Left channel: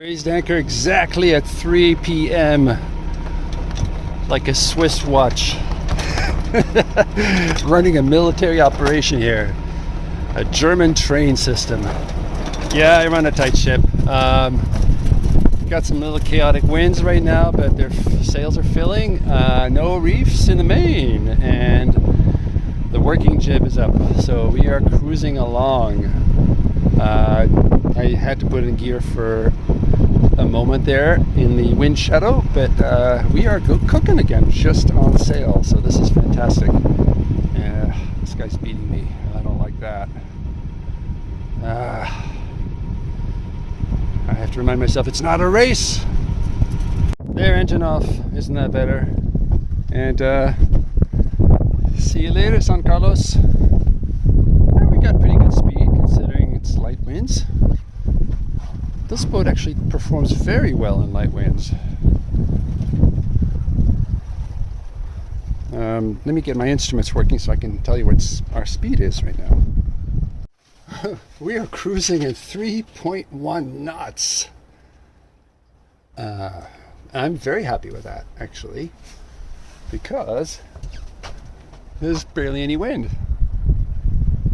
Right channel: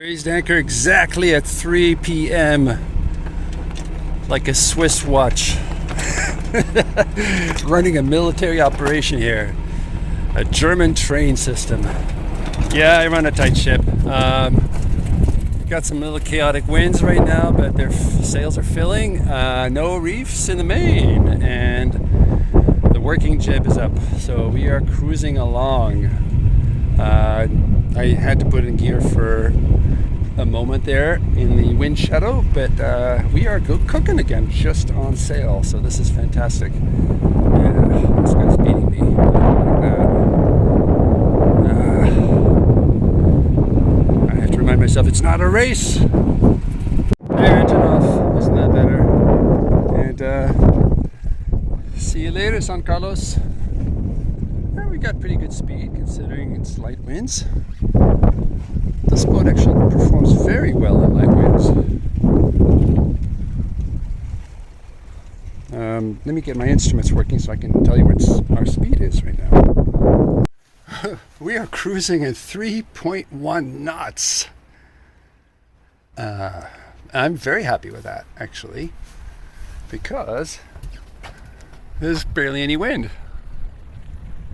Raised anchor exactly at 3 p.m. like a Swiss watch. Running a military operation here. A German train system. Yeah, I run a tight ship. Got some little chaotic winds right now, but their sails are filling. No reefs in the main, and the working jib is up. So we are cruising along. I had to put in gear for a moment there in the wind shadow, but we are cooking again, just on sail. So this is fantastic. Yeah, this guy's beating me. I don't like that. I have to remind myself it's not a race. There, engine off. Isn't that better? And see you later, San Carlos. Yeah, we got pretty good speed considering it's light winds. This boat actually performs very well in light winds. Let me get my instruments working so I can tell you what our speed is right now. We are cruising at 3.1 knots. I'm very happy with that, actually, because there's barely any wind.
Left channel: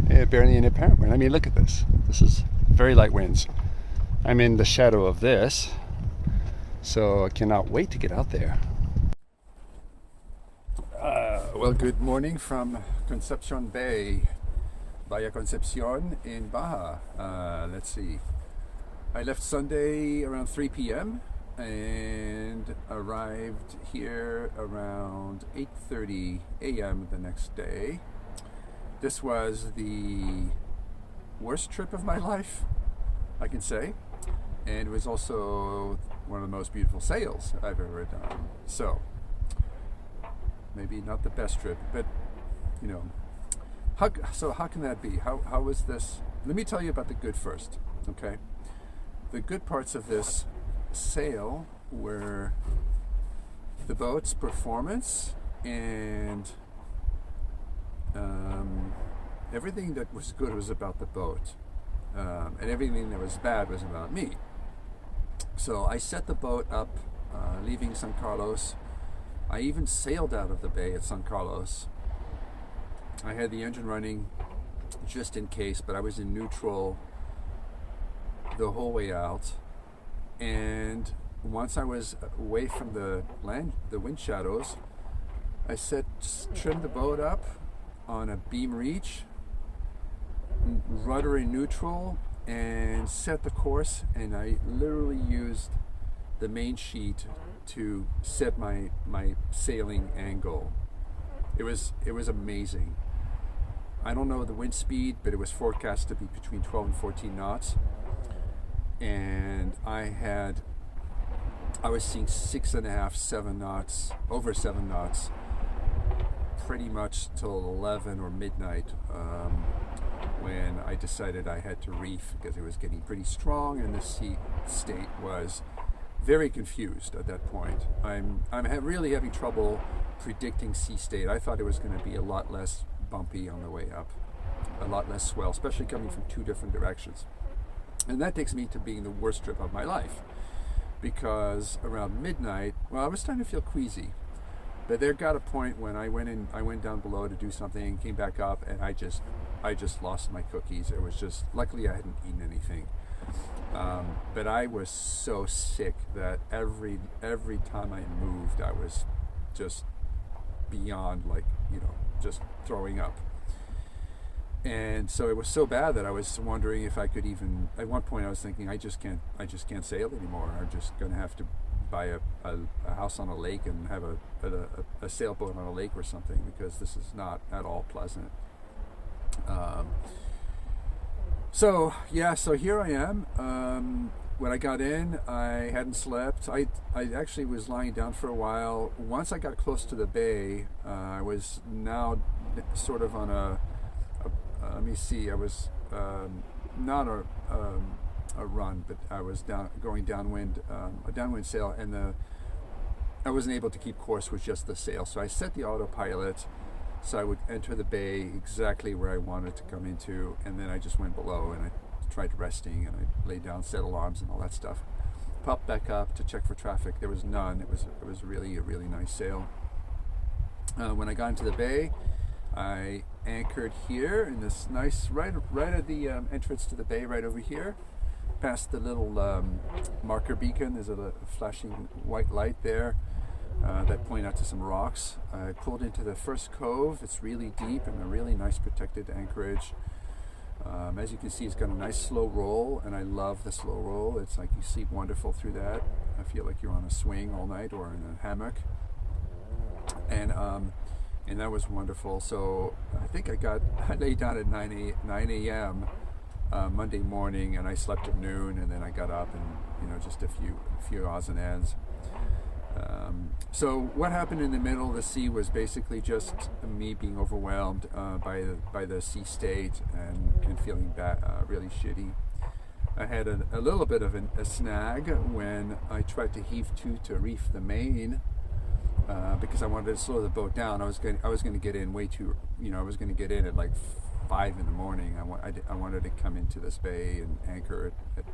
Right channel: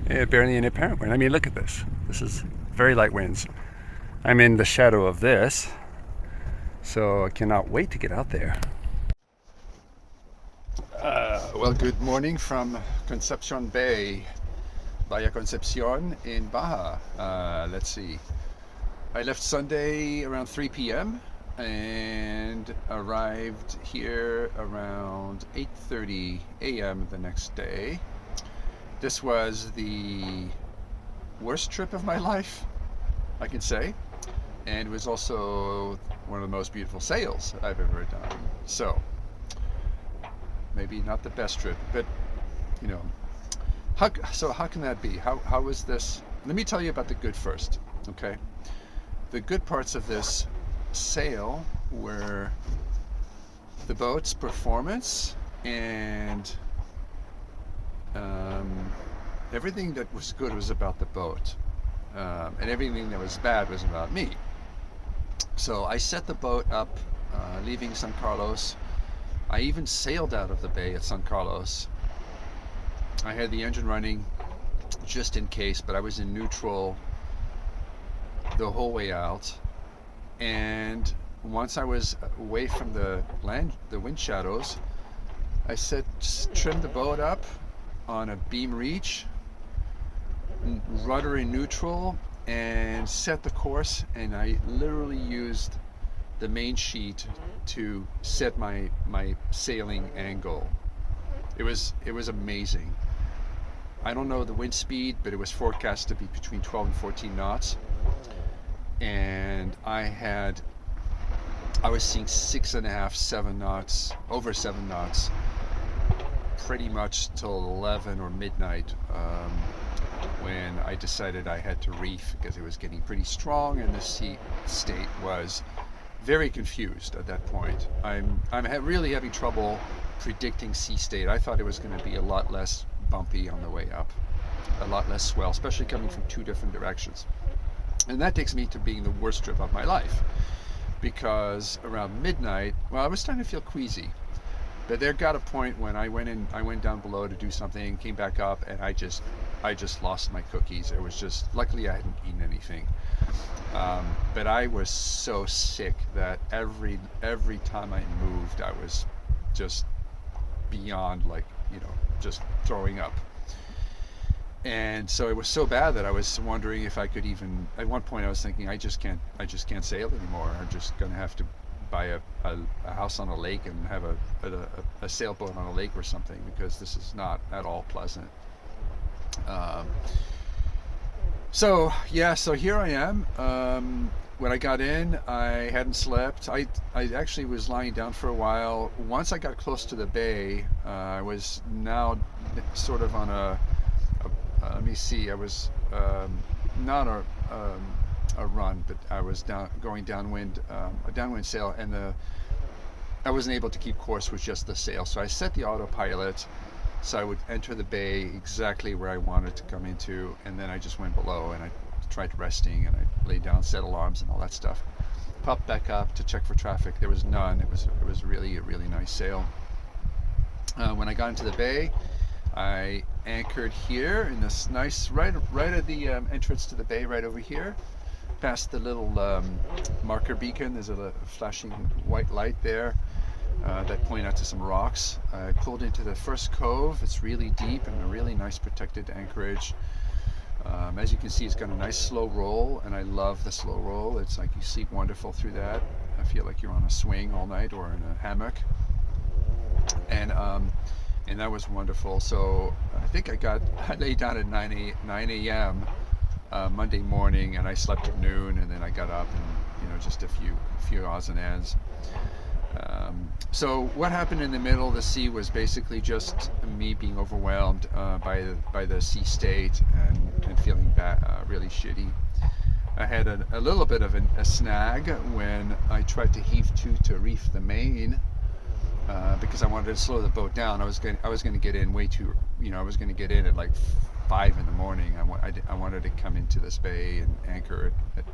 Barely any apparent wind. I mean, look at this. This is very light winds. I'm in the shadow of this, so I cannot wait to get out there. Well, good morning from Concepcion Bay, Bahia Concepcion in Baja. Let's see. I left Sunday around 3 p.m. and arrived here around 8:30 a.m. the next day. This was the worst trip of my life, I can say. And it was also one of the most beautiful sails I've ever done. So, maybe not the best trip, but, you know, how can that be? How was this? Let me tell you about the good first, okay? The good parts of this sail were the boat's performance and everything that was good was about the boat. And everything that was bad was about me. So I set the boat up, leaving San Carlos. I even sailed out of the bay at San Carlos. I had the engine running just in case, but I was in neutral the whole way out. And once I was away from the wind shadows, I trimmed the boat up on a beam reach, rudder in neutral, and set the course, and I literally used the main sheet to set my sailing angle. It was amazing. I don't know the wind speed, but it was forecast to be between 12 and 14 knots, and I was seeing 6.5, 7 knots, over 7 knots, pretty much till 11 or midnight. When I decided I had to reef because it was getting pretty strong and the sea state was very confused at that point. I'm really having trouble predicting sea state. I thought it was going to be a lot less bumpy on the way up, a lot less swell, especially coming from two different directions. And that takes me to being the worst trip of my life, because around midnight, well, I was starting to feel queasy. But there got a point when I went down below to do something, came back up, and I just lost my cookies. It was just, luckily I hadn't eaten anything. But I was so sick that every time I moved, I was just beyond, like, you know, just throwing up. And so it was so bad that I was wondering if I could even, at one point I was thinking, I just can't sail anymore. I'm just going to have to buy a house on a lake and have a sailboat on a lake or something, because this is not at all pleasant. So here I am. When I got in, I hadn't slept. I actually was lying down for a while. Once I got close to the bay, I was now sort of on let me see, I was not a run, but I was going downwind, a downwind sail, and I wasn't able to keep course with just the sail. So I set the autopilot so I would enter the bay exactly where I wanted to come into, and then I just went below and I tried resting and I laid down, set alarms and all that stuff. popped back up to check for traffic. There was none. It was really a really nice sail. When I got into the bay, I anchored here in this nice, right at the entrance to the bay, right over here, past the little marker beacon. There's a flashing white light there that point out to some rocks. I pulled into the first cove. It's really deep and a really nice protected anchorage. As you can see, it's got a nice slow roll, and I love the slow roll. It's like you sleep wonderful through that. I feel like you're on a swing all night or in a hammock. And that was wonderful. So I think I laid down at 9 a.m. Monday morning, and I slept at noon, and then I got up and just a few odds and ends. So what happened in the middle of the sea was basically just me being overwhelmed by the sea state and feeling really shitty. I had a little bit of a snag when I tried to heave to reef the main because I wanted to slow the boat down. I was going to get in way too. I was going to get in at like 5 in the morning. I wanted to come into this bay and anchor it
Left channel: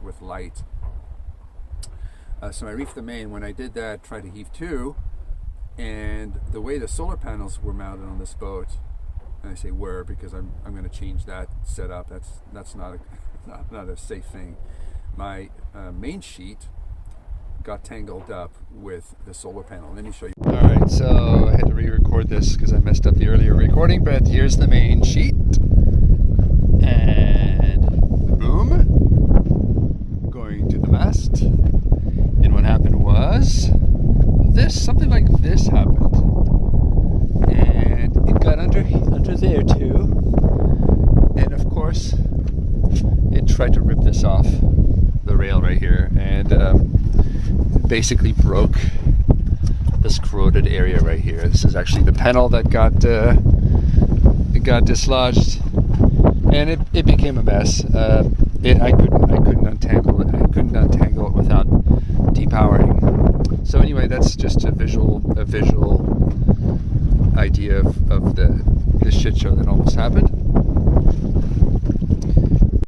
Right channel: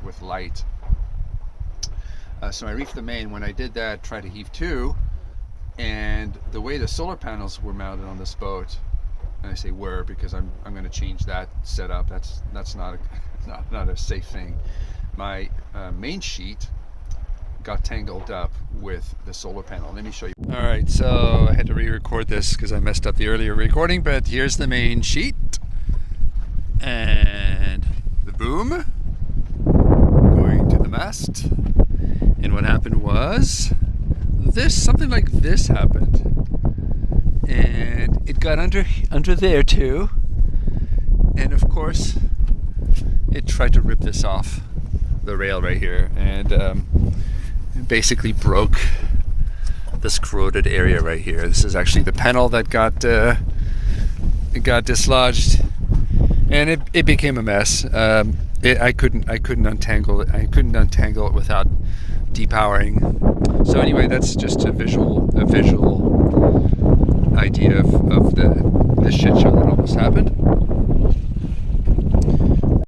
with light. So I reefed the main. When I did that, tried to heave to, and the way the solar panels were mounted on this boat, and I say were because I'm going to change that setup. That's not a safe thing. My main sheet got tangled up with the solar panel. Let me show you. All right, so I had to re-record this because I messed up the earlier recording, but here's the main sheet, and boom, going to the mast. And what happened was something like this happened, and it got under there too, and of course it tried to rip this off the rail right here, and it basically broke this corroded area right here. This is actually the panel that got dislodged, and it became a mess. I couldn't untangle it. I couldn't untangle it without depowering. So anyway, that's just a visual idea of the shit show that almost happened.